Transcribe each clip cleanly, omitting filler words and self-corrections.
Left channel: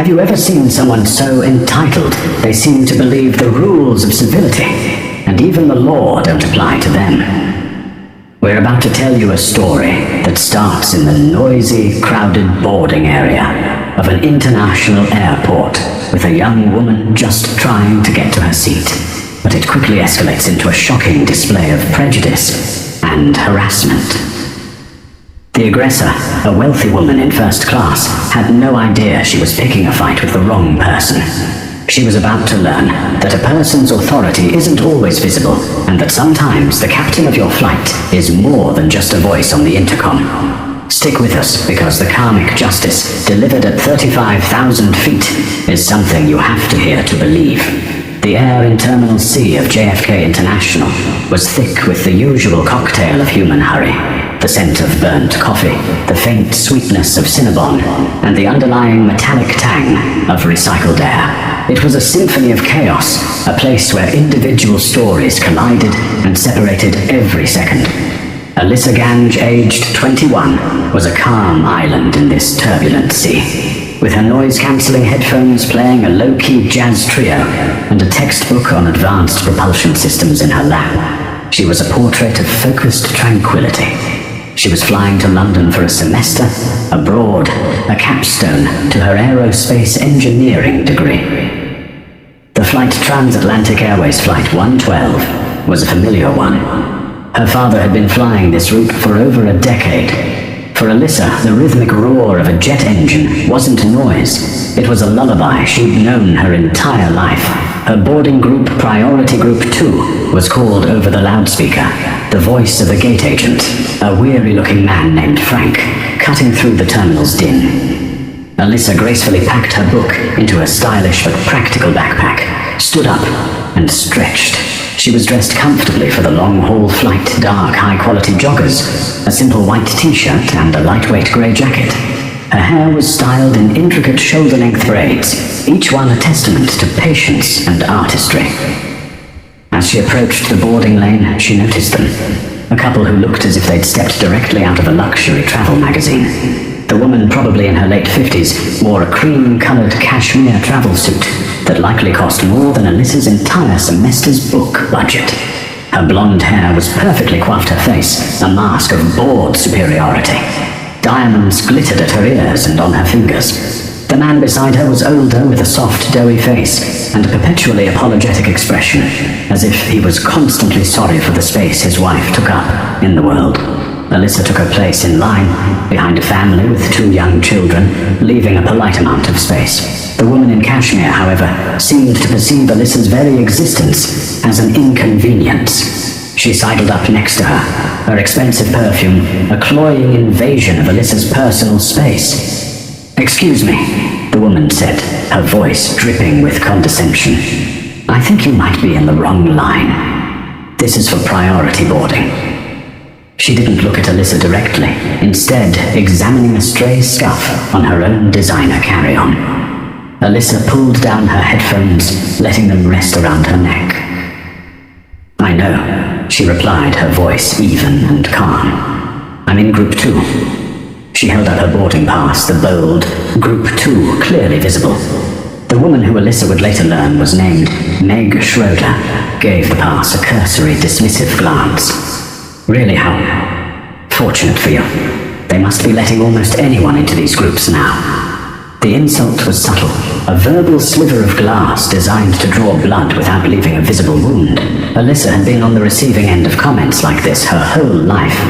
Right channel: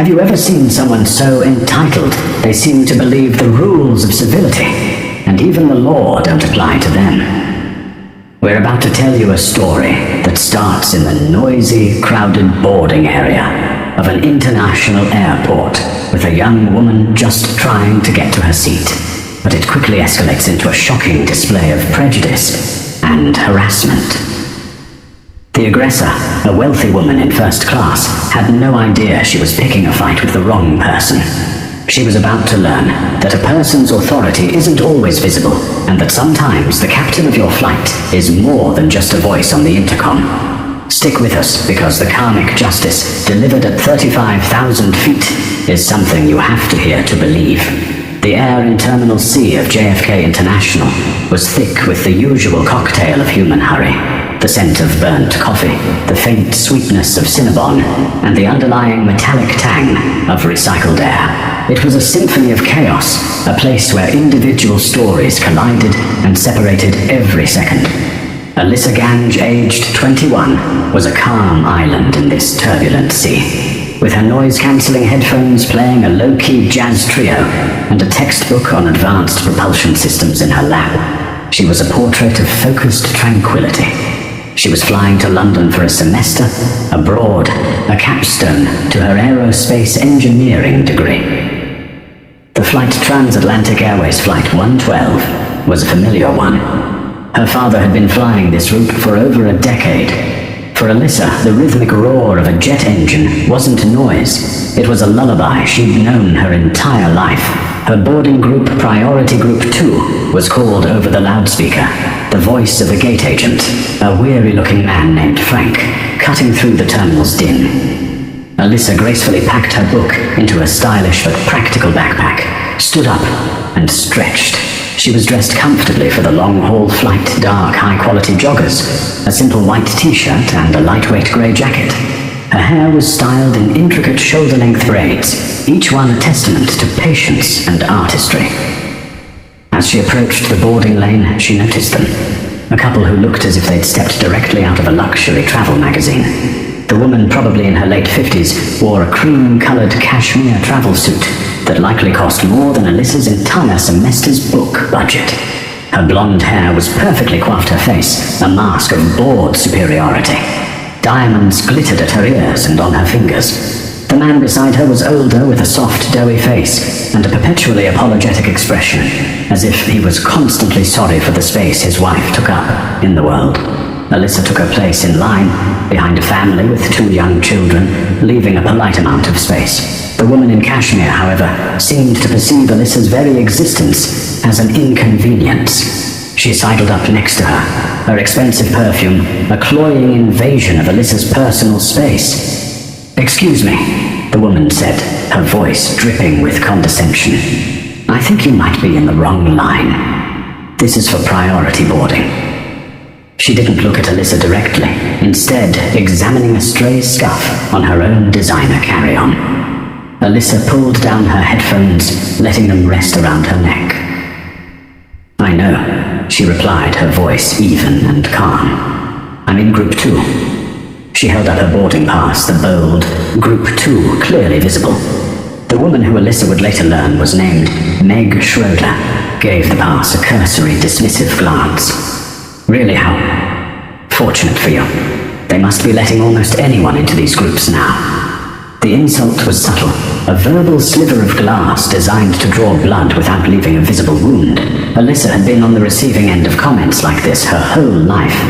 Have you ever seen someone so entitled they seem to believe the rules of civility, and even the law don't apply to them? We're about to tell you a story that starts in the noisy, crowded boarding area of an international airport with a young woman just trying to get to her seat, but it quickly escalates into a shocking display of prejudice and harassment. The aggressor, a wealthy woman in first class, had no idea she was picking a fight with the wrong person. She was about to learn that a person's authority isn't always visible, and that sometimes the captain of your flight is more than just a voice on the intercom. Stick with us, because the karmic justice delivered at 35,000 feet is something you have to hear to believe. The air in Terminal C of JFK International was thick with the usual cocktail of human hurry: the scent of burnt coffee, the faint sweetness of Cinnabon, and the underlying metallic tang of recycled air. It was a symphony of chaos, a place where individual stories collided and separated every second. Alyssa Gange, aged 21, was a calm island in this turbulent sea, with her noise-cancelling headphones playing a low-key jazz trio and a textbook on advanced propulsion systems in her lap. She was a portrait of focused tranquility. She was flying to London for a semester, abroad, a capstone to her aerospace engineering degree. The flight Transatlantic Airways Flight 112 was a familiar one. Her father had been flying this route for over a decade. For Alyssa, the rhythmic roar of a jet engine wasn't noise. It was a lullaby she'd known her entire life. Her boarding group, Priority Group 2, was called over the loudspeaker, the voice of a gate agent, a weary-looking man named Frank, cutting through the terminal's din. Alyssa gracefully packed her book into a stylish but practical backpack, stood up, and stretched. She was dressed comfortably for the long-haul flight, dark, high-quality joggers, a simple white t-shirt and a lightweight grey jacket. Her hair was styled in intricate shoulder-length braids, each one a testament to patience and artistry. As she approached the boarding lane, she noticed them, a couple who looked as if they'd stepped directly out of a luxury travel magazine. The woman, probably in her late 50s, wore a cream-colored cashmere travel suit that likely cost more than Alyssa's entire semester's book budget. Her blonde hair was perfectly coiffed her face, a mask of bored superiority. Diamonds glittered at her ears and on her fingers. The man beside her was older, with a soft, doughy face and a perpetually apologetic expression, as if he was constantly sorry for the space his wife took up in the world. Alyssa took her place in line, behind a family with 2 young children, leaving a polite amount of space. The woman in cashmere, however, seemed to perceive Alyssa's very existence as an inconvenience. She sidled up next to her, her expensive perfume a cloying invasion of Alyssa's personal space. "Excuse me," the woman said, her voice dripping with condescension. "I think you might be in the wrong line. This is for priority boarding." She didn't look at Alyssa directly, instead examining a stray scuff on her own designer carry-on. Alyssa pulled down her headphones, letting them rest around her neck. "I know," she replied, her voice even and calm. "I'm in Group 2. She held up her boarding pass, the bold Group 2 clearly visible. The woman who Alyssa would later learn was named Meg Schroeder gave the pass a cursory, dismissive glance. "Really, how fortunate for you. They must be letting almost anyone into these groups now." The insult was subtle, a verbal sliver of glass designed to draw blood without leaving a visible wound. Alyssa had been on the receiving end of comments like this her whole life.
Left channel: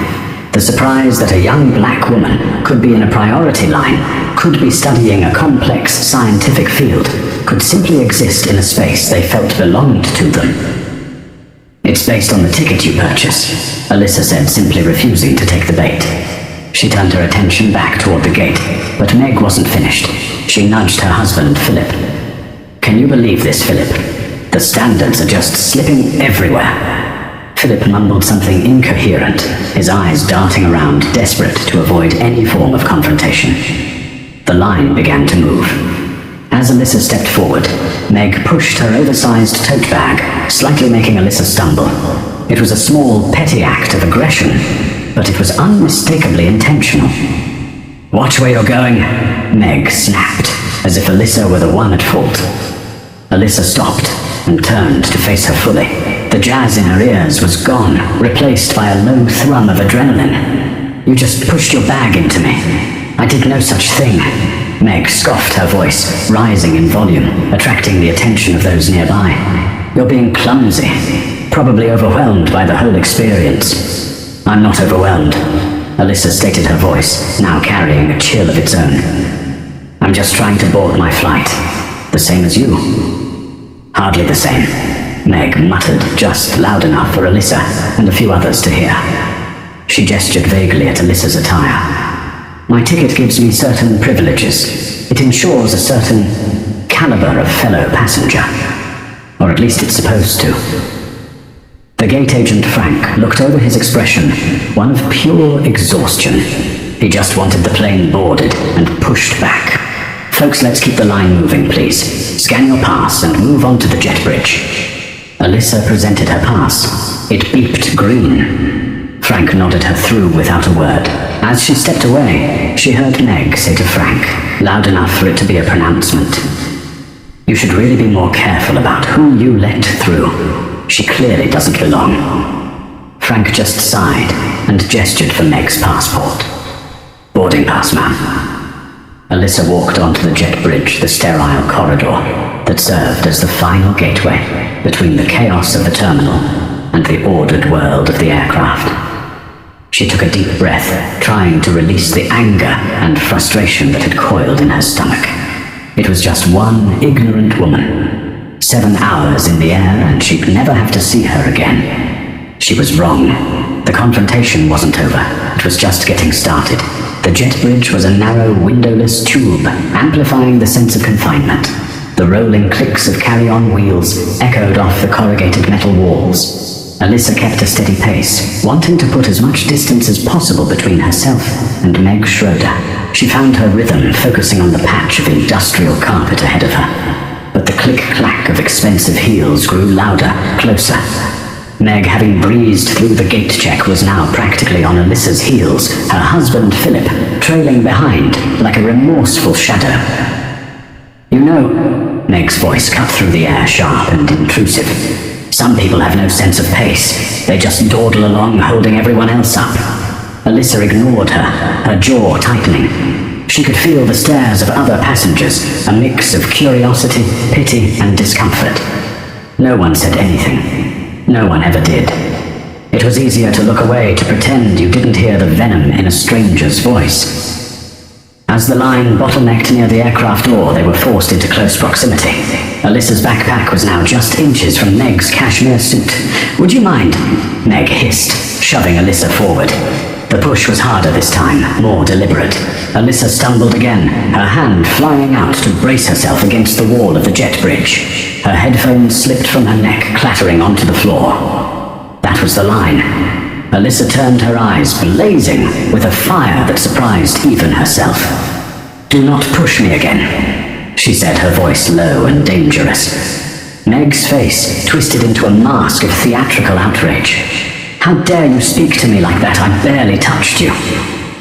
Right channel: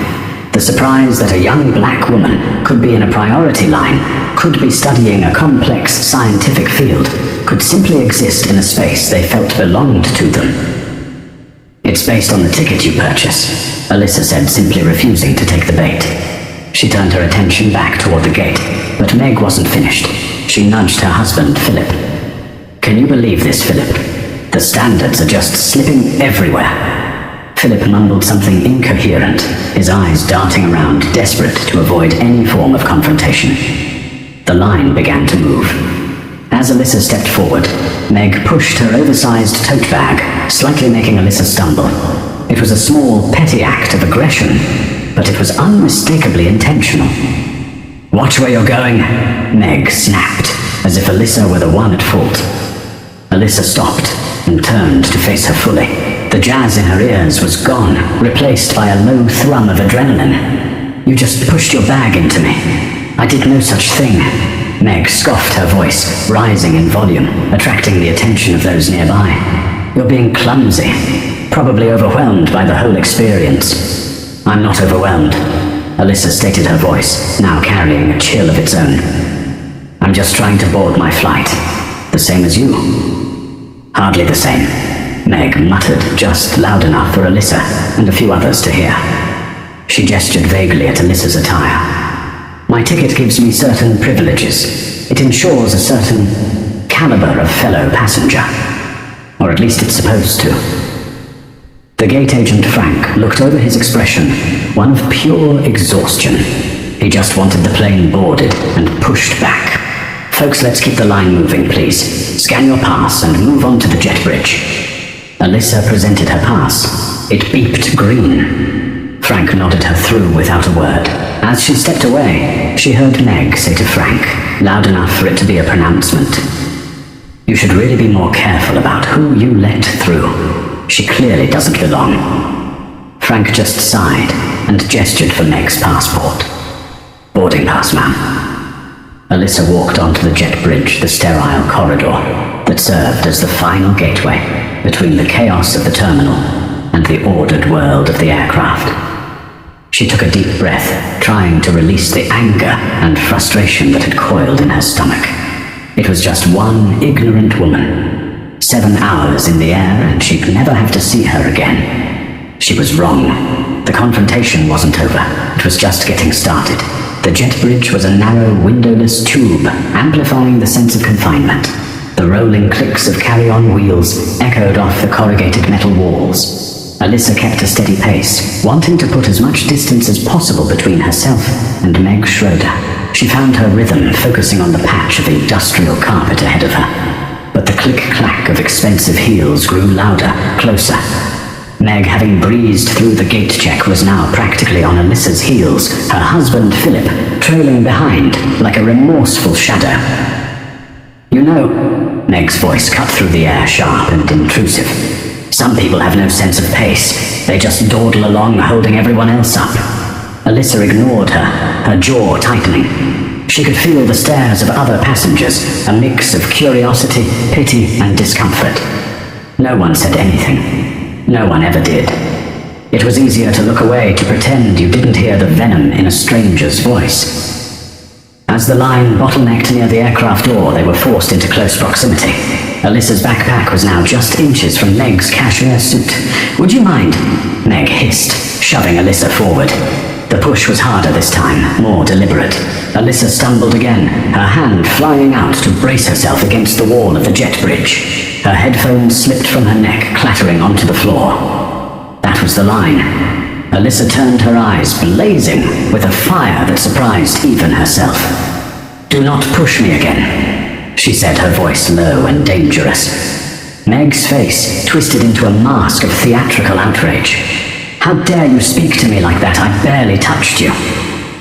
The surprise that a young black woman could be in a priority line, could be studying a complex scientific field, could simply exist in a space they felt belonged to them. "It's based on the ticket you purchase," Alyssa said, simply refusing to take the bait. She turned her attention back toward the gate, but Meg wasn't finished. She nudged her husband, Philip. "Can you believe this, Philip? The standards are just slipping everywhere." Philip mumbled something incoherent, his eyes darting around, desperate to avoid any form of confrontation. The line began to move. As Alyssa stepped forward, Meg pushed her oversized tote bag, slightly making Alyssa stumble. It was a small, petty act of aggression, but it was unmistakably intentional. "Watch where you're going," Meg snapped, as if Alyssa were the one at fault. Alyssa stopped and turned to face her fully. The jazz in her ears was gone, replaced by a low thrum of adrenaline. "You just pushed your bag into me. I did no such thing." Meg scoffed, her voice rising in volume, attracting the attention of those nearby. "You're being clumsy, probably overwhelmed by the whole experience." "I'm not overwhelmed," Alyssa stated, her voice now carrying a chill of its own. "I'm just trying to board my flight. The same as you." "Hardly the same," Meg muttered, just loud enough for Alyssa and a few others to hear. She gestured vaguely at Alyssa's attire. "My ticket gives me certain privileges. It ensures a certain caliber of fellow passenger. Or at least it's supposed to." The gate agent Frank looked over, his expression one of pure exhaustion. He just wanted the plane boarded and pushed back. "Folks, let's keep the line moving, please. Scan your pass and move on to the jet bridge." Alyssa presented her pass. It beeped green. Frank nodded her through without a word. As she stepped away, she heard Meg say to Frank, loud enough for it to be a pronouncement, "You should really be more careful about who you let through. She clearly doesn't belong." Frank just sighed and gestured for Meg's passport. "Boarding pass, ma'am." Alyssa walked onto the jet bridge, the sterile corridor that served as the final gateway between the chaos of the terminal and the ordered world of the aircraft. She took a deep breath, trying to release the anger and frustration that had coiled in her stomach. It was just one ignorant woman. 7 hours in the air and she'd never have to see her again. She was wrong. The confrontation wasn't over. It was just getting started. The jet bridge was a narrow, windowless tube, amplifying the sense of confinement. The rolling clicks of carry-on wheels echoed off the corrugated metal walls. Alyssa kept a steady pace, wanting to put as much distance as possible between herself and Meg Schroeder. She found her rhythm focusing on the patch of industrial carpet ahead of her. But the click-clack of expensive heels grew louder, closer. Meg, having breezed through the gate check, was now practically on Alyssa's heels, her husband Philip trailing behind like a remorseful shadow. "You know," Meg's voice cut through the air, sharp and intrusive, "some people have no sense of pace. They just dawdle along, holding everyone else up." Alyssa ignored her, her jaw tightening. She could feel the stares of other passengers, a mix of curiosity, pity, and discomfort. No one said anything. No one ever did. It was easier to look away, to pretend you didn't hear the venom in a stranger's voice. As the line bottlenecked near the aircraft door, they were forced into close proximity. Alyssa's backpack was now just inches from Meg's cashmere suit. "Would you mind?" Meg hissed, shoving Alyssa forward. The push was harder this time, more deliberate. Alyssa stumbled again, her hand flying out to brace herself against the wall of the jet bridge. Her headphones slipped from her neck, clattering onto the floor. That was the line. Alyssa turned, her eyes blazing with a fire that surprised even herself. "Do not push me again," she said, her voice low and dangerous. Meg's face twisted into a mask of theatrical outrage. "How dare you speak to me like that? I barely touched you.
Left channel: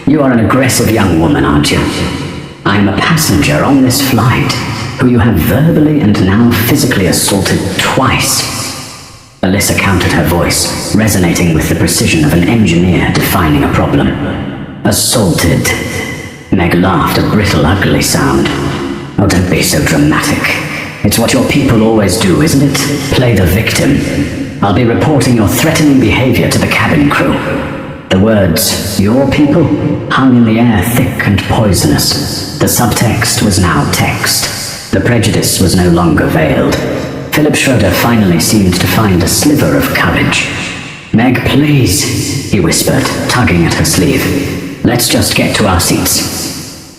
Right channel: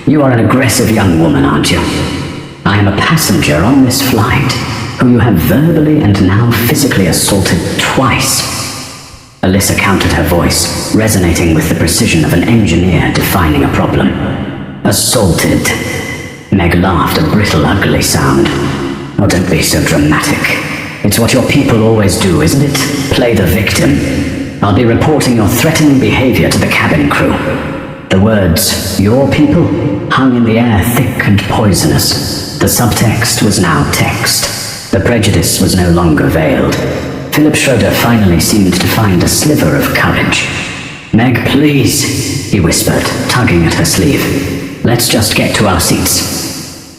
You are an aggressive young woman, aren't you? I am a passenger on this flight who you have verbally and now physically assaulted twice." Alyssa countered, her voice resonating with the precision of an engineer defining a problem. "Assaulted." Meg laughed, a brittle, ugly sound. "Oh, don't be so dramatic. It's what your people always do, isn't it? Play the victim. I'll be reporting your threatening behavior to the cabin crew." The words, "your people," hung in the air thick and poisonous. The subtext was now text. The prejudice was no longer veiled. Philip Schroeder finally seemed to find a sliver of courage. "Meg, please," he whispered, tugging at her sleeve. "Let's just get to our seats."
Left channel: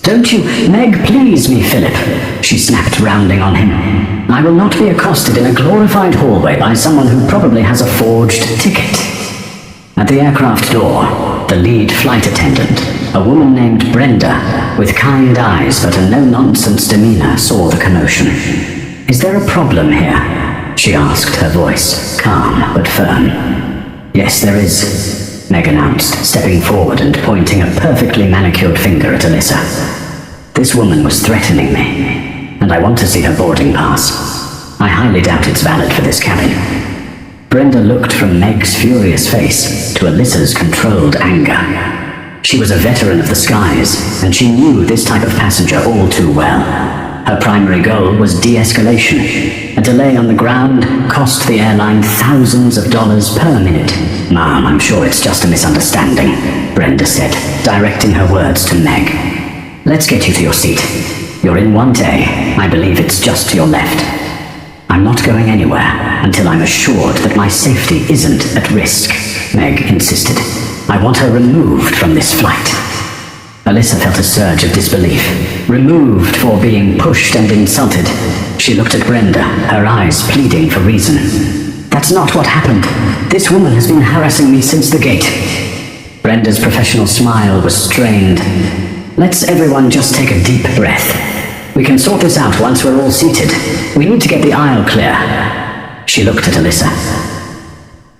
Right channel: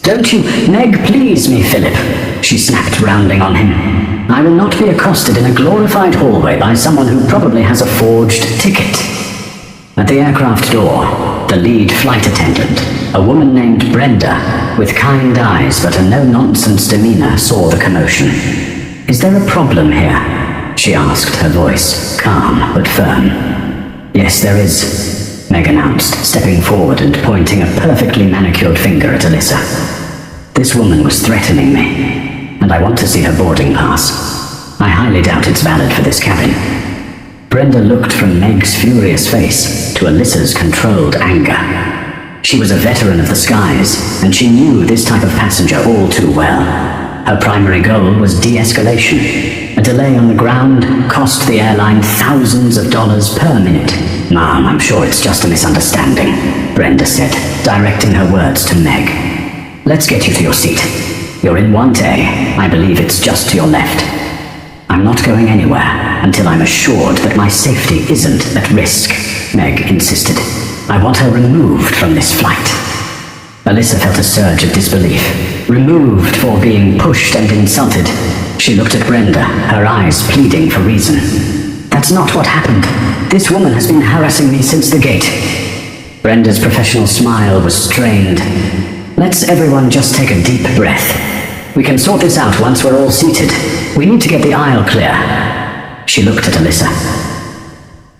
"Don't you, Meg, please me, Philip," she snapped, rounding on him. "I will not be accosted in a glorified hallway by someone who probably has a forged ticket." At the aircraft door, the lead flight attendant, a woman named Brenda, with kind eyes but a no-nonsense demeanor, saw the commotion. "Is there a problem here?" she asked, her voice calm but firm. "Yes, there is," Meg announced, stepping forward and pointing a perfectly manicured finger at Alyssa. "This woman was threatening me. and I want to see her boarding pass. I highly doubt it's valid for this cabin." Brenda looked from Meg's furious face to Alyssa's controlled anger. She was a veteran of the skies, and she knew this type of passenger all too well. Her primary goal was de-escalation. A delay on the ground cost the airline thousands of dollars per minute. "Ma'am, I'm sure it's just a misunderstanding," Brenda said, directing her words to Meg. "Let's get you to your seat. You're in 1A. I believe it's just to your left." "I'm not going anywhere until I'm assured that my safety isn't at risk," Meg insisted. "I want her removed from this flight." Alyssa felt a surge of disbelief. Removed for being pushed and insulted. She looked at Brenda, her eyes pleading for reason. "That's not what happened. This woman has been harassing me since the gate." Brenda's professional smile was strained. "Let's everyone just take a deep breath. We can sort this out once we're all seated. We need to get the aisle clear." She looked at Alyssa.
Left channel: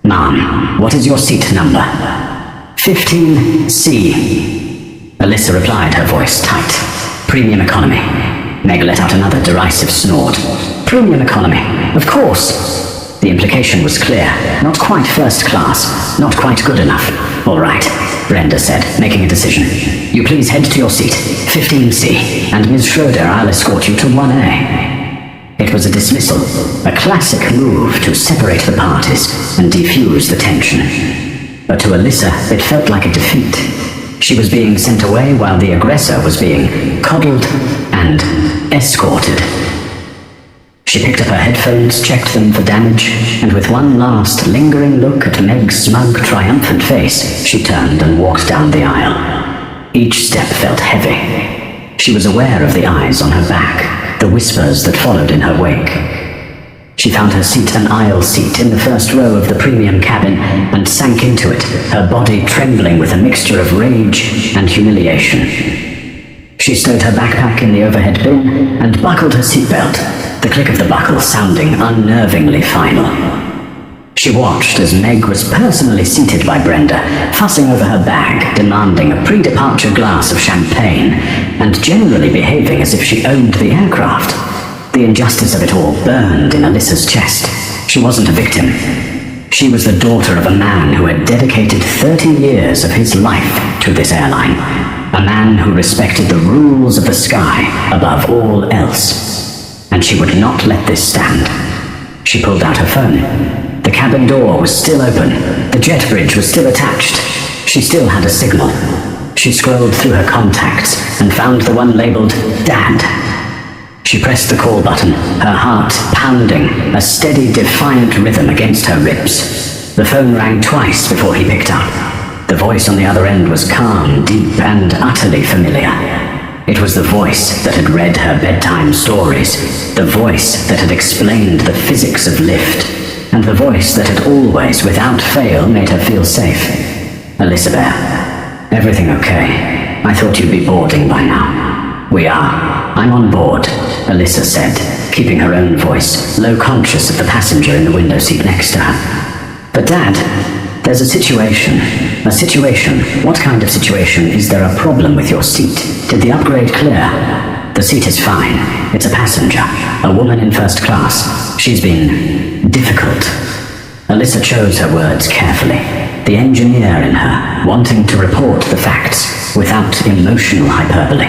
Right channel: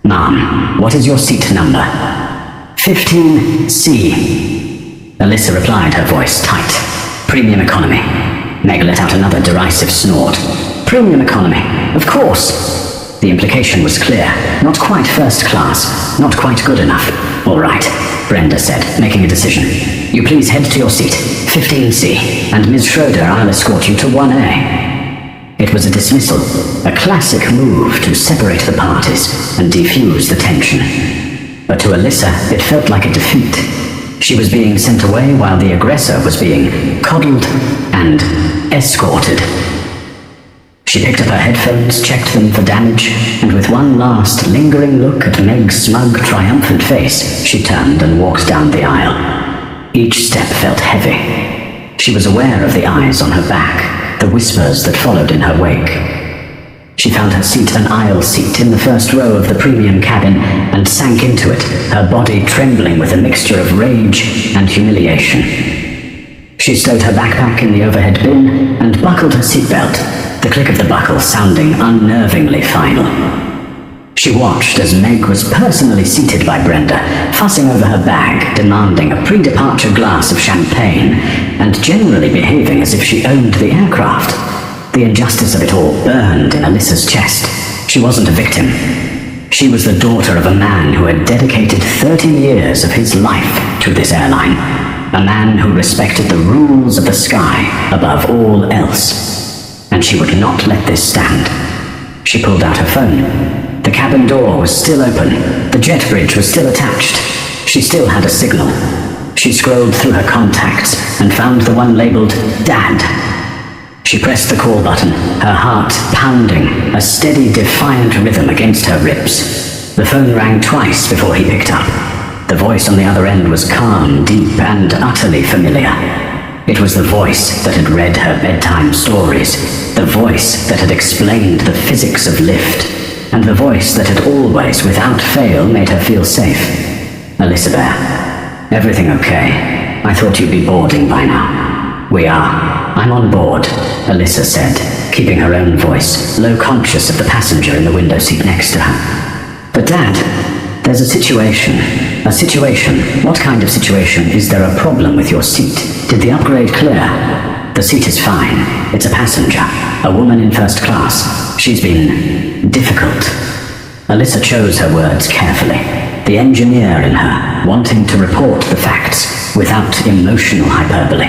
"Ma'am, what is your seat number?" 15C. Alyssa replied, her voice tight. "Premium economy." Meg let out another derisive snort. "Premium economy, of course." The implication was clear. Not quite first class, not quite good enough. "All right," Brenda said, making a decision. "You please head to your seat, 15C, and Ms. Schroeder, I'll escort you to 1A. It was a dismissal, a classic move to separate the parties and defuse the tension. But to Alyssa, it felt like a defeat. She was being sent away while the aggressor was being coddled and escorted. She picked up her headphones, checked them for damage, and with one last lingering look at Meg's smug, triumphant face, she turned and walked down the aisle. Each step felt heavy. She was aware of the eyes on her back, the whispers that followed in her wake. She found her seat an aisle seat in the first row of the premium cabin and sank into it, her body trembling with a mixture of rage and humiliation. She stowed her backpack in the overhead bin and buckled her seatbelt, the click of the buckle sounding unnervingly final. She watched as Meg was personally seated by Brenda, fussing over her bag, demanding a pre-departure glass of champagne, and generally behaving as if she owned the aircraft. The injustice of it all burned in Alyssa's chest. She wasn't a victim. She was the daughter of a man who had dedicated 30 years of his life to this airline. A man who respected the rules of the sky above all else. And she would not let this stand. She pulled out her phone. The cabin door was still open. The jet bridge was still attached. She still had a signal. She scrolled through her contacts and found the one labeled Dad. She pressed the call button, her heart pounding, a steady, defiant rhythm against her ribs. The phone rang twice before he picked up. The voice on the other end was calm, deep, and utterly familiar. It was the voice that had read her bedtime stories, the voice that had explained the physics of lift, and the voice that had always, without fail, made her feel safe. "Alyssa Bear, everything okay? I thought you'd be boarding by now." "We are. I'm on board," Alyssa said, keeping her own voice, low conscious of the passenger in the window seat next to her. "But Dad, there's a situation. A situation? What kind of situation? Is there a problem with your seat? Did the upgrade clear?" "The seat is fine. It's a passenger. A woman in first class. She's been difficult." Alyssa chose her words carefully. The engineer in her, wanting to report the facts without emotional hyperbole.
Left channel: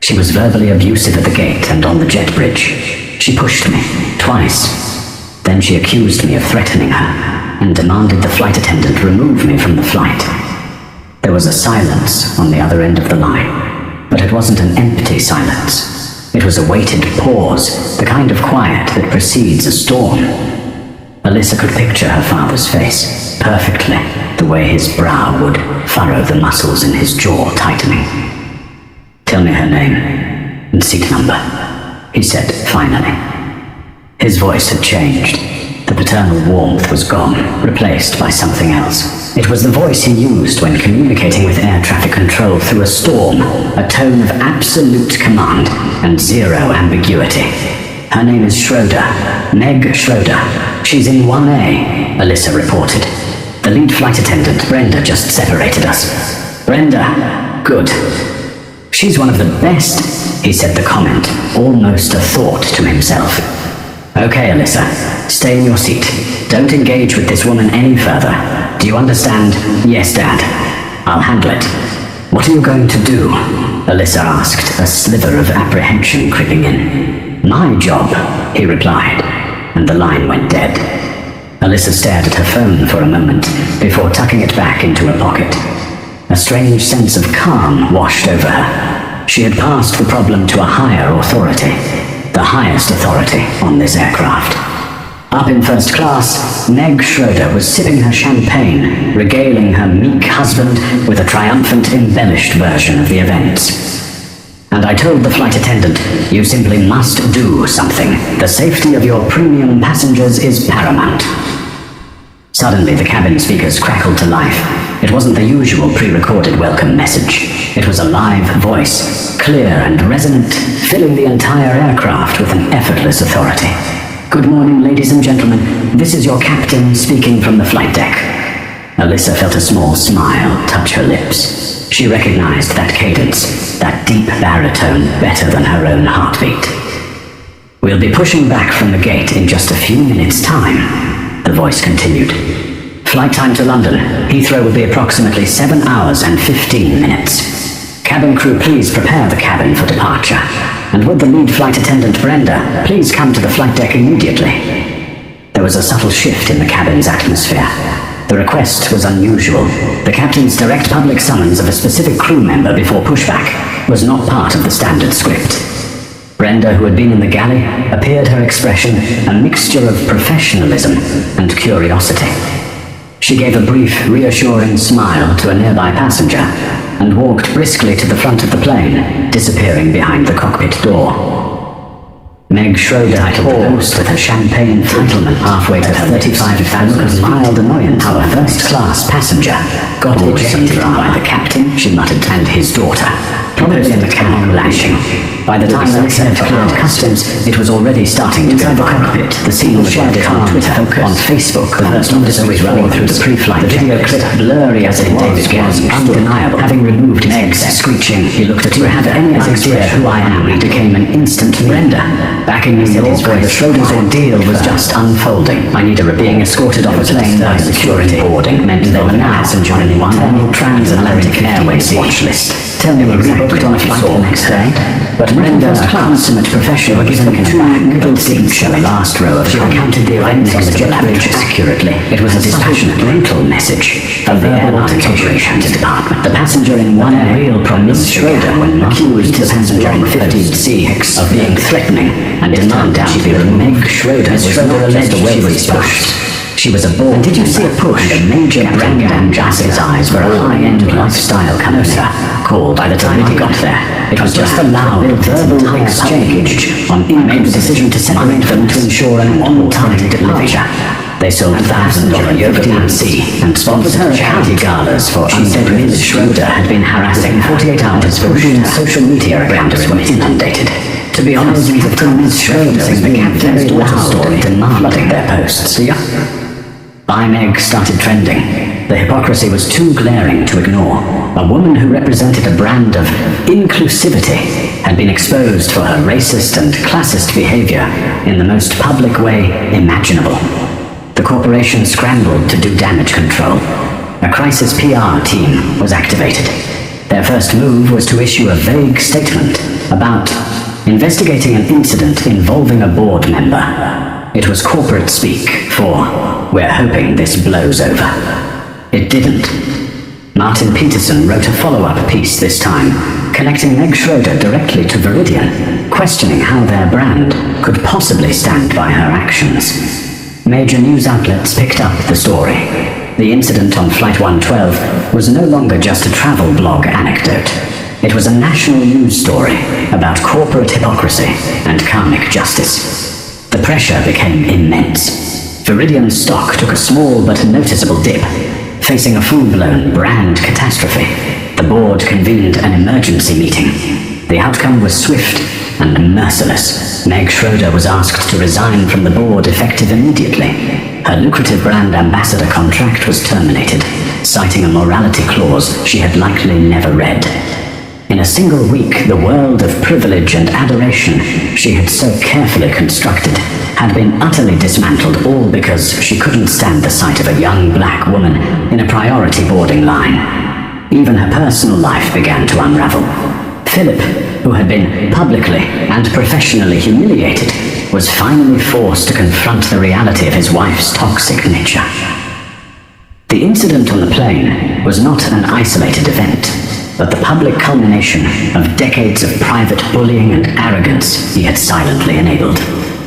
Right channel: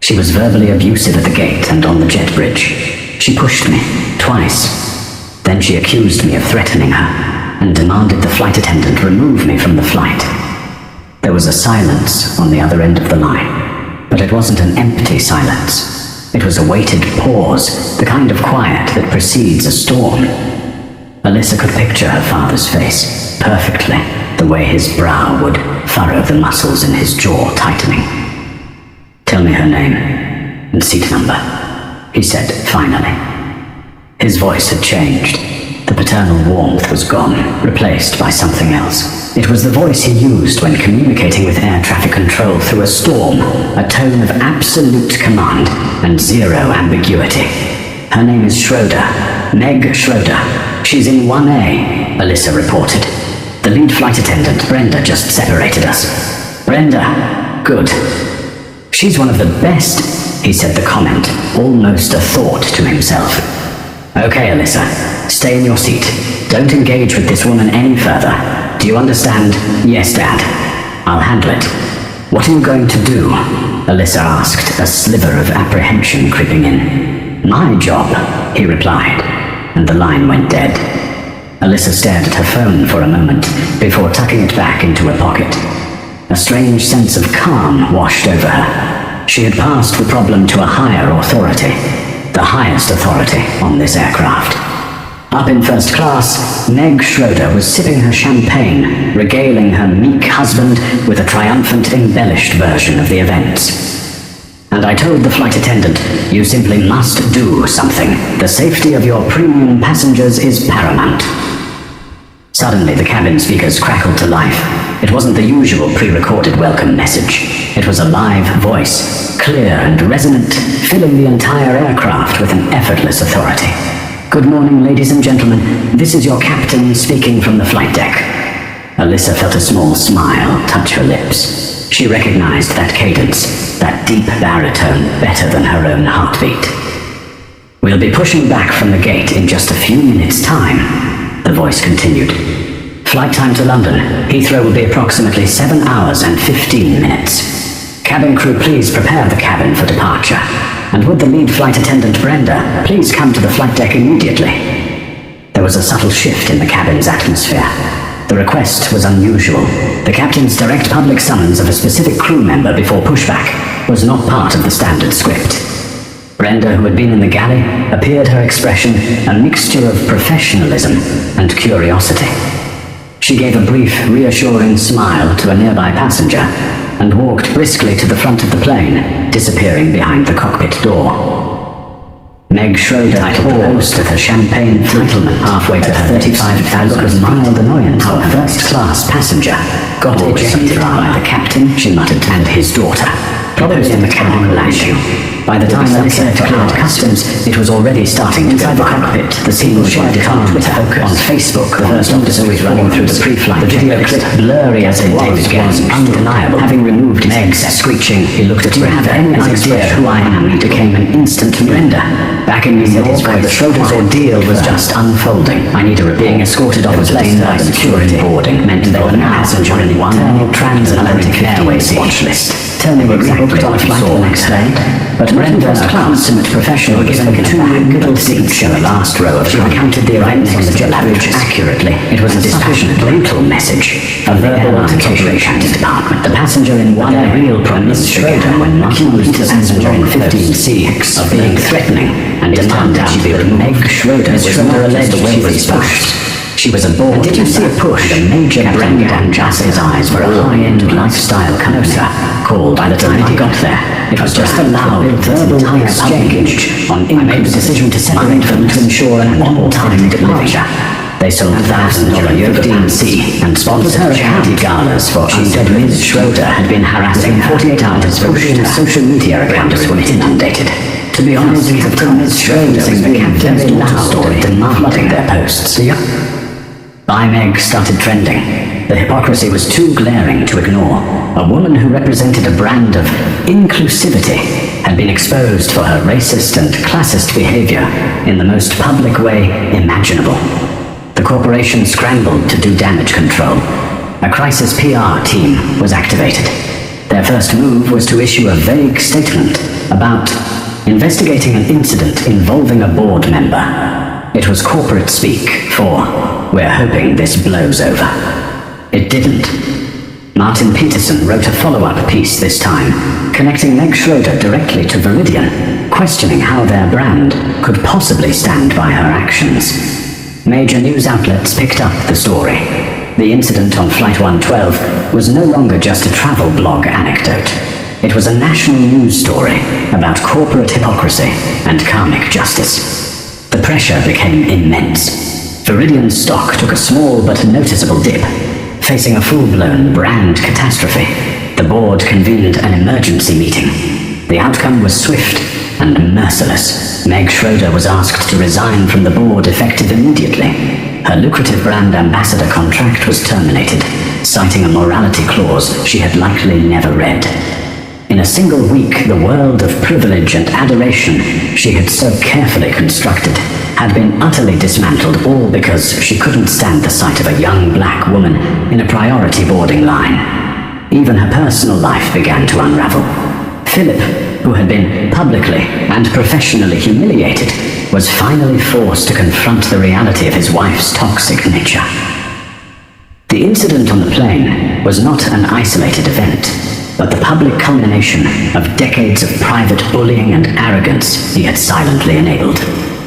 She was verbally abusive at the gate and on the jet bridge. She pushed me, twice. Then she accused me of threatening her, and demanded the flight attendant remove me from the flight. There was a silence on the other end of the line, but it wasn't an empty silence. It was a weighted pause, the kind of quiet that precedes a storm. Alyssa could picture her father's face perfectly, the way his brow would furrow the muscles in his jaw tightening. "Tell me her name and seat number," he said finally. His voice had changed. The paternal warmth was gone, replaced by something else. It was the voice he used when communicating with air traffic control through a storm, a tone of absolute command and zero ambiguity. "Her name is Schroeder, Meg Schroeder. She's in 1A, Alyssa reported. "The lead flight attendant, Brenda, just separated us." "Brenda? Good. She's one of the best." He said the comment, almost a thought to himself. "Okay, Alyssa, stay in your seat. Don't engage with this woman any further. Do you understand?" "Yes, Dad. I'll handle it." "What are you going to do?" Alyssa asked, a sliver of apprehension creeping in. "My job," he replied, and the line went dead. Alyssa stared at her phone for a moment before tucking it back into her pocket. A strange sense of calm washed over her. She had passed the problem to a higher authority, the highest authority on this aircraft. Up in first class, Meg Schroeder was sipping her champagne, regaling her meek husband with a triumphant, embellished version of the events. "And I told the flight attendant, you simply must do something. The safety of your premium passengers is paramount." Suddenly, the cabin speakers crackled to life. It wasn't the usual pre-recorded welcome message. It was a live voice, clear and resonant, filling the entire aircraft with an effortless authority. "Good morning, ladies and gentlemen. This is your captain speaking from the flight deck." Alyssa felt a small smile touch her lips. She recognized that cadence, that deep baritone, better than her own heartbeat. "We'll be pushing back from the gate in just a few minutes' time," the voice continued. "Flight time to London, Heathrow will be approximately 7 hours and 15 minutes. Cabin crew, please prepare the cabin for departure. And would the lead flight attendant, Brenda, please come to the flight deck immediately?" There was a subtle shift in the cabin's atmosphere. The request was unusual. The captain's direct public summons of a specific crew member before pushback was not part of the standard script. Brenda, who had been in the galley, appeared her expression a mixture of professionalism and curiosity. She gave a brief, reassuring smile to a nearby passenger and walked briskly to the front of the plane, disappearing behind the cockpit door. Meg Schroeder titled the post with her champagne entitlement halfway to her 35,000 feet. Mild annoyance. How a first-class passenger got ejected by the captain, she muttered, and his daughter, probably in the cabin landing. By the time Alyssa had cleared customs, it was already starting to go viral. Cockpit, the scene shared it on Twitter, on Facebook. The first officer was running through the pre-flight. The video clip, blurry as it was undeniable. Having removed Meg's screeching, he looked at her. "Do you have any idea who I am?" He became an instant Brenda. Back in New York, the Schroeder's ordeal was just unfolding. "I need a report." Being escorted off a plane by security boarding meant they were now on an internal transatlantic airways watch list. Tell me, were rebooked on a flight the next day? But Brenda, a consummate professional, was given two middle seats in the last row of the car. She recounted the events on the jet bridge accurately. It was a dispassionate, brutal message from the airline's operations department. The passenger in one real problems began when Martin accused the passenger in 15C of being threatening and demanded she be removed. Meg Schroeder was not alleged a wealthy spouse. She was a board. And did you see a push? And a major brand ambassador's eyes for a high-end lifestyle company. Called by the time he got there. It was just a loud, verbal exchange on made the decision to separate them to ensure an on-time departure. They sold thousands of 15C and sponsored charity galas for undead. Schroeder had been harassing 48 hours for social media accounts were inundated. To be honest, Ms. Schroeder was being very loud and demanding their posts. By Meg started trending. The hypocrisy was too glaring to ignore. A woman who represented a brand of inclusivity had been exposed for her racist and classist behavior in the most public way imaginable. The corporation scrambled to do damage control. A crisis PR team was activated. Their first move was to issue a vague statement about investigating an incident involving a board member. It was corporate speak for, "We're hoping this blows over." It didn't. Martin Peterson wrote a follow-up piece this time, connecting Meg Schroeder directly to Viridian, questioning how their brand could possibly stand by her actions. Major news outlets picked up the story. The incident on Flight 112 was no longer just a travel blog anecdote. It was a national news story about corporate hypocrisy and karmic justice. The pressure became immense. Viridian's stock took a small but noticeable dip. Facing a full-blown brand catastrophe, the board convened an emergency meeting. The outcome was swift and merciless. Meg Schroeder was asked to resign from the board effective immediately. Her lucrative brand ambassador contract was terminated, citing a morality clause she had likely never read. In a single week, the world of privilege and adoration she had so carefully constructed had been utterly dismantled, all because she couldn't stand the sight of a young black woman in a priority boarding line. Even her personal life began to unravel. Philip, who had been publicly and professionally humiliated, was finally forced to confront the reality of his wife's toxic nature. The incident on the plane was not an isolated event, but the public culmination of decades of private bullying and arrogance he had silently enabled.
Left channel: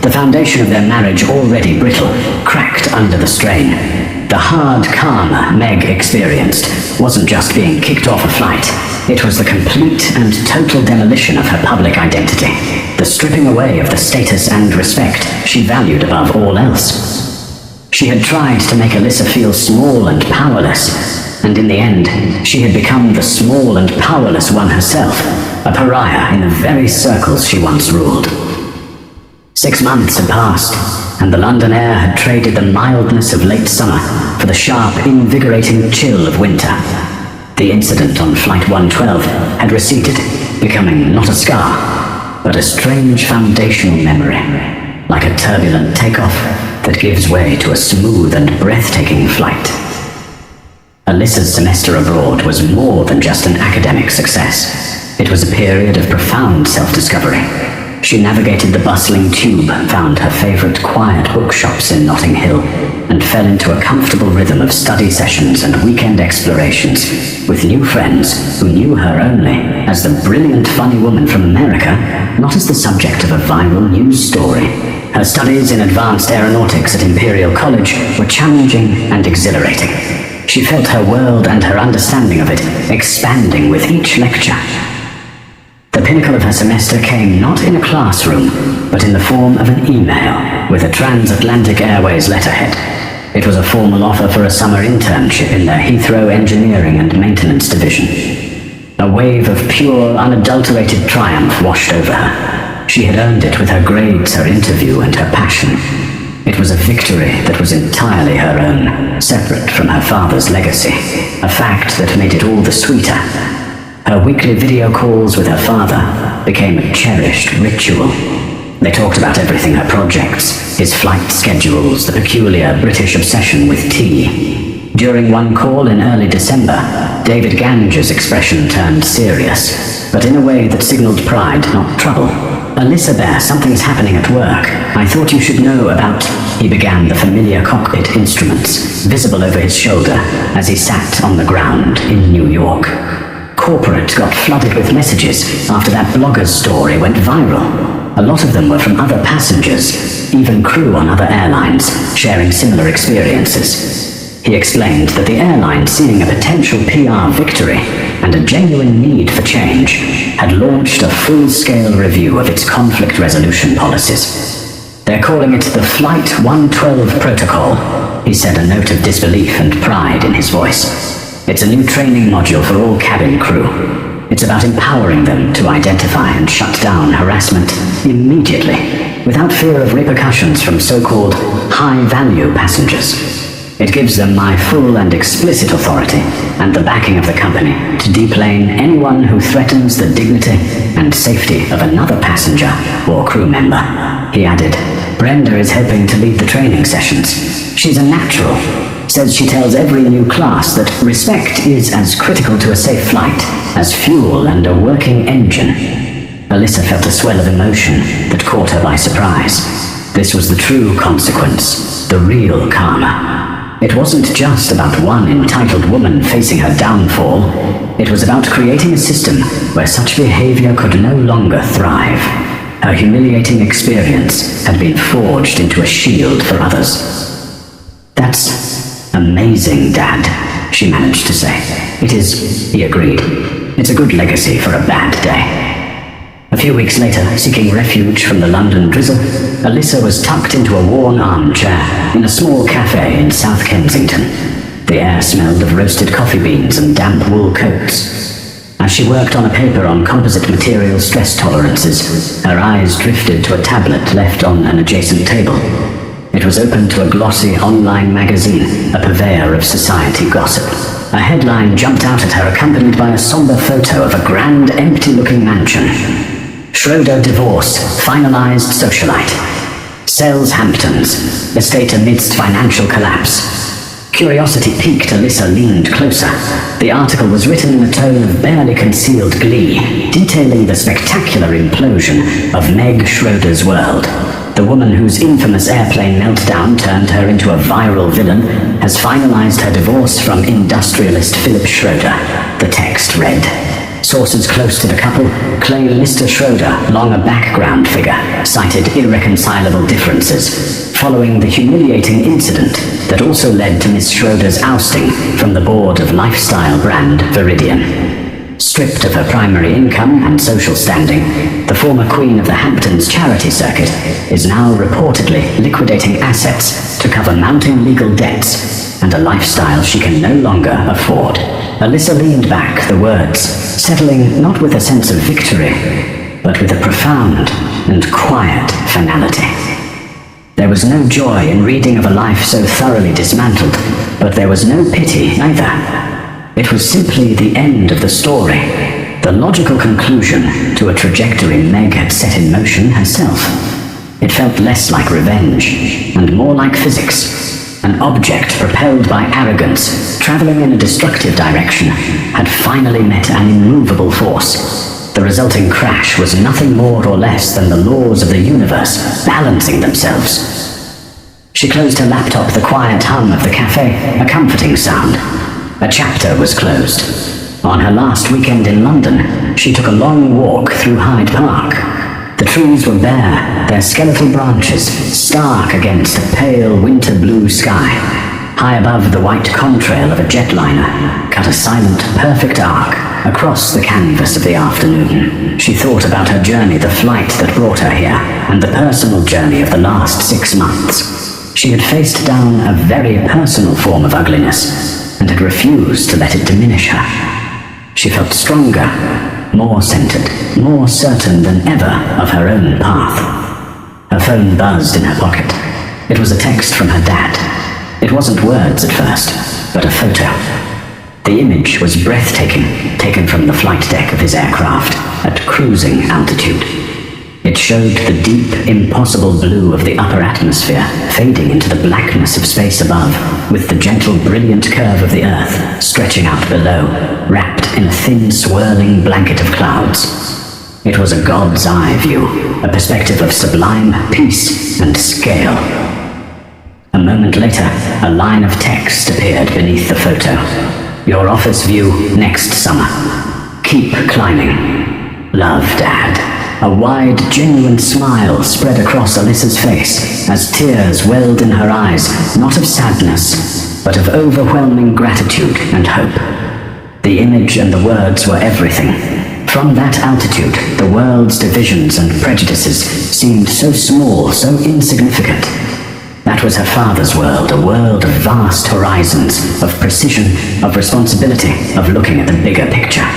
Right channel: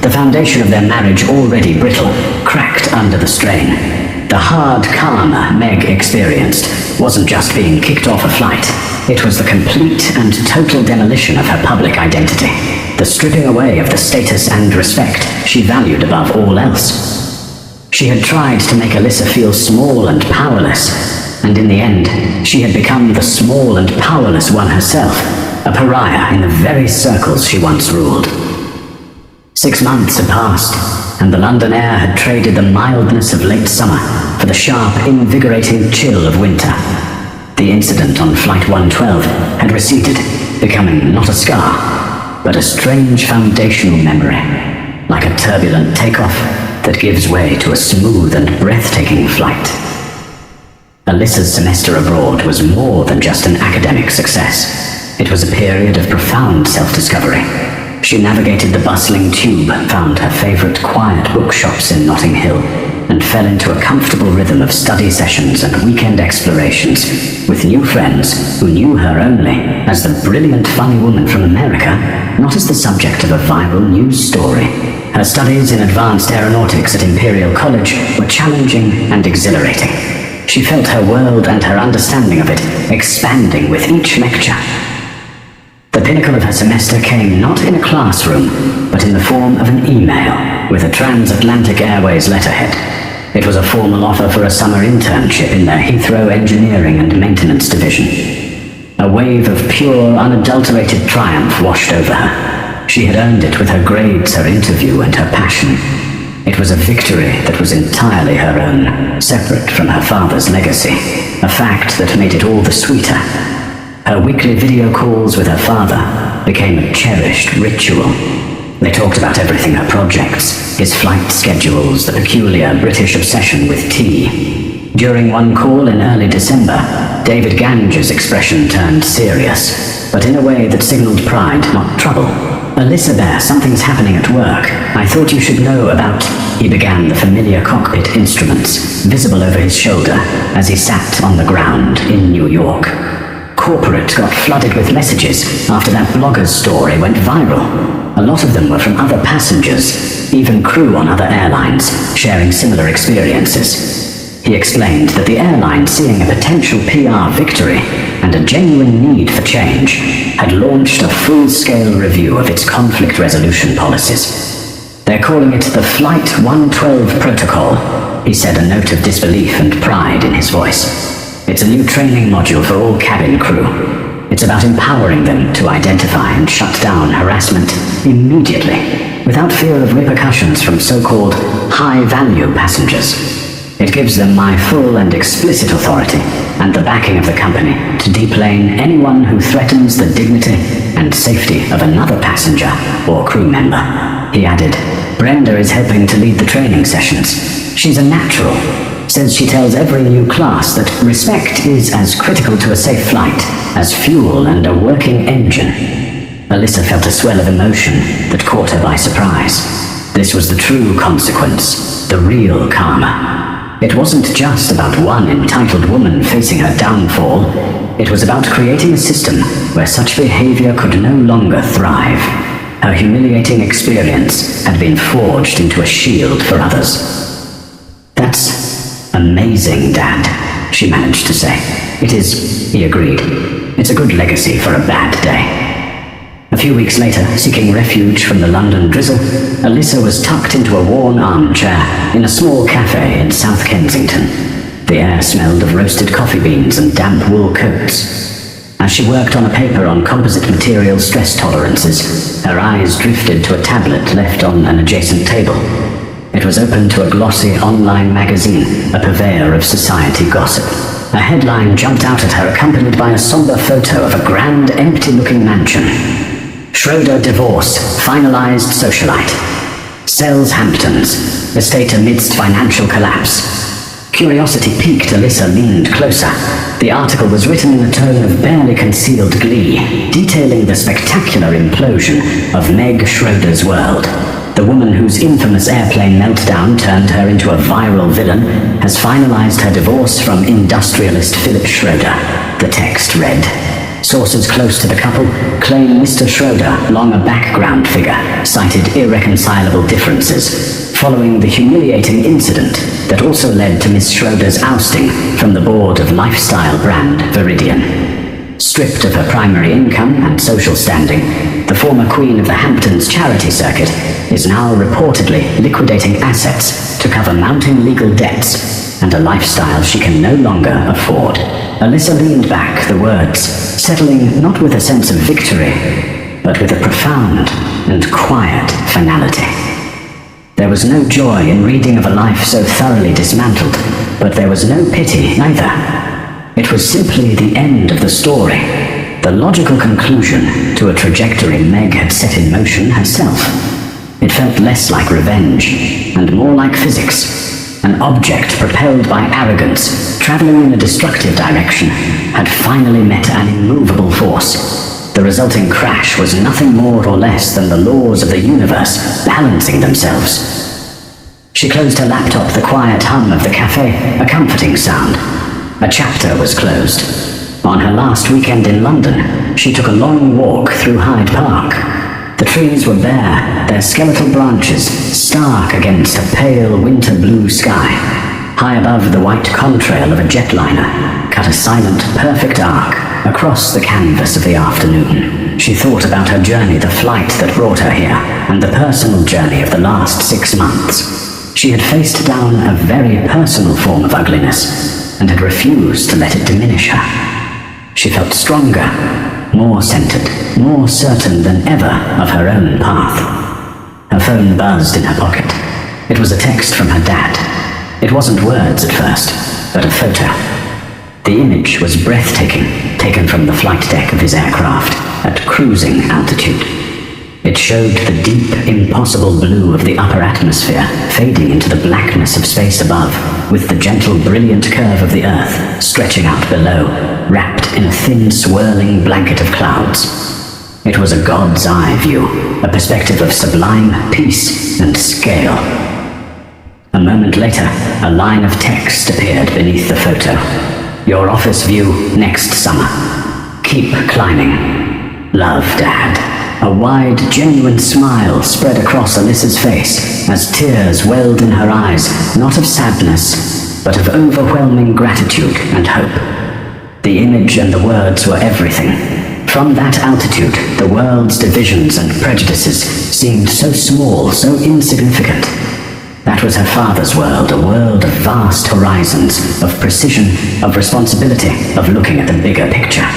The foundation of their marriage, already brittle, cracked under the strain. The hard karma Meg experienced wasn't just being kicked off a flight. It was the complete and total demolition of her public identity, the stripping away of the status and respect she valued above all else. She had tried to make Alyssa feel small and powerless, and in the end, she had become the small and powerless one herself, a pariah in the very circles she once ruled. 6 months had passed, and the London air had traded the mildness of late summer for the sharp, invigorating chill of winter. The incident on Flight 112 had receded, becoming not a scar, but a strange foundational memory, like a turbulent takeoff that gives way to a smooth and breathtaking flight. Alyssa's semester abroad was more than just an academic success. It was a period of profound self-discovery. She navigated the bustling tube, found her favorite quiet bookshops in Notting Hill, and fell into a comfortable rhythm of study sessions and weekend explorations with new friends who knew her only as the brilliant, funny woman from America, not as the subject of a viral news story. Her studies in advanced aeronautics at Imperial College were challenging and exhilarating. She felt her world and her understanding of it expanding with each lecture. The pinnacle of her semester came not in a classroom, but in the form of an email with a Transatlantic Airways letterhead. It was a formal offer for a summer internship in their Heathrow Engineering and Maintenance Division. A wave of pure, unadulterated triumph washed over her. She had earned it with her grades, her interview, and her passion. It was a victory that was entirely her own, separate from her father's legacy, a fact that made it all the sweeter. Her weekly video calls with her father became a cherished ritual. They talked about everything: her projects, his flight schedules, the peculiar British obsession with tea. During one call in early December, David Gange's expression turned serious, but in a way that signaled pride, not trouble. "Alyssa Bear, something's happening at work. I thought you should know about..." He began the familiar cockpit instruments, visible over his shoulder as he sat on the ground in New York. Corporate got flooded with messages after that blogger's story went viral. A lot of them were from other passengers, even crew on other airlines, sharing similar experiences. He explained that the airline, seeing a potential PR victory and a genuine need for change, had launched a full-scale review of its conflict resolution policies. "They're calling it the Flight 112 Protocol," he said, a note of disbelief and pride in his voice. "It's a new training module for all cabin crew. It's about empowering them to identify and shut down harassment immediately, without fear of repercussions from so-called high-value passengers. It gives them my full and explicit authority and the backing of the company to deplane anyone who threatens the dignity and safety of another passenger or crew member." He added, "Brenda is helping to lead the training sessions. She's a natural. Says she tells every new class that respect is as critical to a safe flight as fuel and a working engine." Alyssa felt a swell of emotion that caught her by surprise. This was the true consequence, the real karma. It wasn't just about one entitled woman facing her downfall. It was about creating a system where such behavior could no longer thrive. Her humiliating experience had been forged into a shield for others. "That's amazing, Dad," she managed to say. "It is," he agreed. "It's a good legacy for a bad day." A few weeks later, seeking refuge from the London drizzle, Alyssa was tucked into a worn armchair in a small cafe in South Kensington. The air smelled of roasted coffee beans and damp wool coats. As she worked on a paper on composite material stress tolerances, her eyes drifted to a tablet left on an adjacent table. It was open to a glossy online magazine, a purveyor of society gossip. A headline jumped out at her, accompanied by a somber photo of a grand, empty-looking mansion. Schroeder divorce, finalized socialite. Sells Hamptons, estate amidst financial collapse. Curiosity piqued. Alyssa leaned closer. The article was written in a tone of barely concealed glee, detailing the spectacular implosion of Meg Schroeder's world. The woman whose infamous airplane meltdown turned her into a viral villain has finalized her divorce from industrialist Philip Schroeder. The text read, "Sources close to the couple claim Mr. Schroeder, long a background figure, cited irreconcilable differences following the humiliating incident that also led to Miss Schroeder's ousting from the board of lifestyle brand Viridian. Stripped of her primary income and social standing, the former queen of the Hamptons charity circuit is now reportedly liquidating assets to cover mounting legal debts and a lifestyle she can no longer afford." Alyssa leaned back, the words settling not with a sense of victory, but with a profound and quiet finality. There was no joy in reading of a life so thoroughly dismantled, but there was no pity either. It was simply the end of the story, the logical conclusion to a trajectory Meg had set in motion herself. It felt less like revenge, and more like physics. An object propelled by arrogance, traveling in a destructive direction, had finally met an immovable force. The resulting crash was nothing more or less than the laws of the universe balancing themselves. She closed her laptop, the quiet hum of the cafe, a comforting sound. A chapter was closed. On her last weekend in London, she took a long walk through Hyde Park. The trees were bare, their skeletal branches stark against a pale winter-blue sky. High above, the white contrail of a jetliner cut a silent, perfect arc across the canvas of the afternoon. She thought about her journey, the flight that brought her here, and the personal journey of the last 6 months. She had faced down a very personal form of ugliness, and had refused to let it diminish her. She felt stronger, more centered, more certain than ever of her own path. Her phone buzzed in her pocket. It was a text from her dad. It wasn't words at first, but a photo. The image was breathtaking, taken from the flight deck of his aircraft at cruising altitude. It showed the deep, impossible blue of the upper atmosphere fading into the blackness of space above, with the gentle, brilliant curve of the Earth stretching out below, wrapped in a thin, swirling blanket of clouds. It was a god's eye view, a perspective of sublime peace and scale. A moment later, a line of text appeared beneath the photo. "Your office view next summer. Keep climbing. Love, Dad." A wide, genuine smile spread across Alyssa's face as tears welled in her eyes, not of sadness, but of overwhelming gratitude and hope. The image and the words were everything. From that altitude, the world's divisions and prejudices seemed so small, so insignificant. That was her father's world, a world of vast horizons, of precision, of responsibility, of looking at the bigger picture.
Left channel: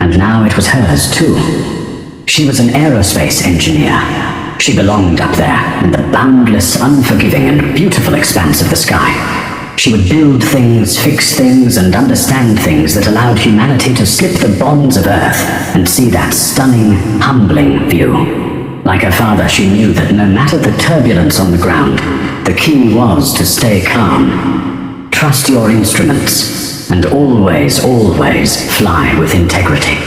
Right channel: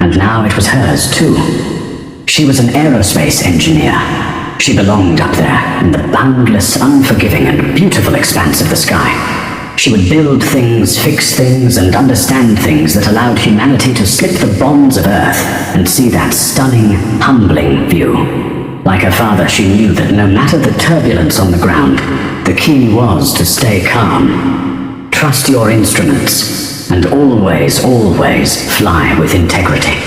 And now it was hers, too. She was an aerospace engineer. She belonged up there, in the boundless, unforgiving, and beautiful expanse of the sky. She would build things, fix things, and understand things that allowed humanity to slip the bonds of Earth and see that stunning, humbling view. Like her father, she knew that no matter the turbulence on the ground, the key was to stay calm. Trust your instruments, and always, always fly with integrity.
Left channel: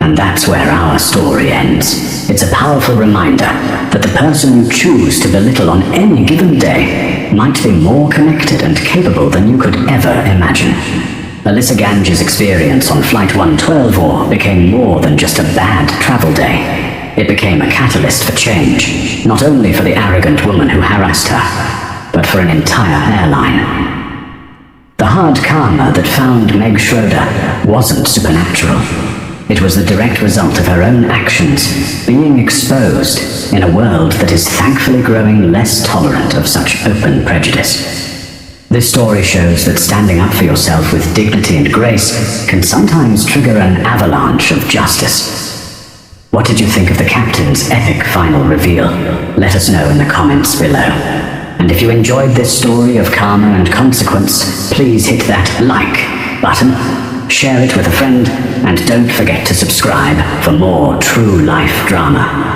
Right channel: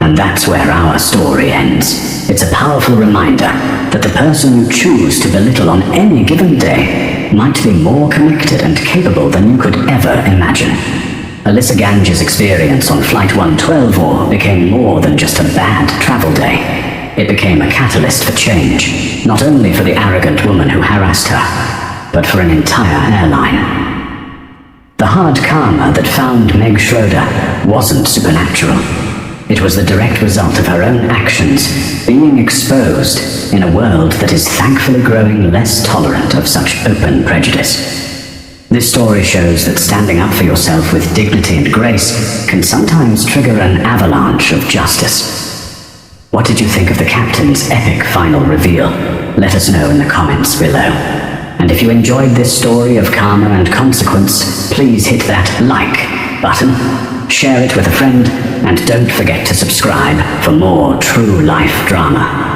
And that's where our story ends. It's a powerful reminder that the person you choose to belittle on any given day might be more connected and capable than you could ever imagine. Alyssa Gange's experience on Flight 112 became more than just a bad travel day. It became a catalyst for change, not only for the arrogant woman who harassed her, but for an entire airline. The hard karma that found Meg Schroeder wasn't supernatural. It was the direct result of her own actions being exposed in a world that is thankfully growing less tolerant of such open prejudice. This story shows that standing up for yourself with dignity and grace can sometimes trigger an avalanche of justice. What did you think of the captain's epic final reveal? Let us know in the comments below. And if you enjoyed this story of karma and consequence, please hit that like button, share it with a friend, and don't forget to subscribe for more true life drama.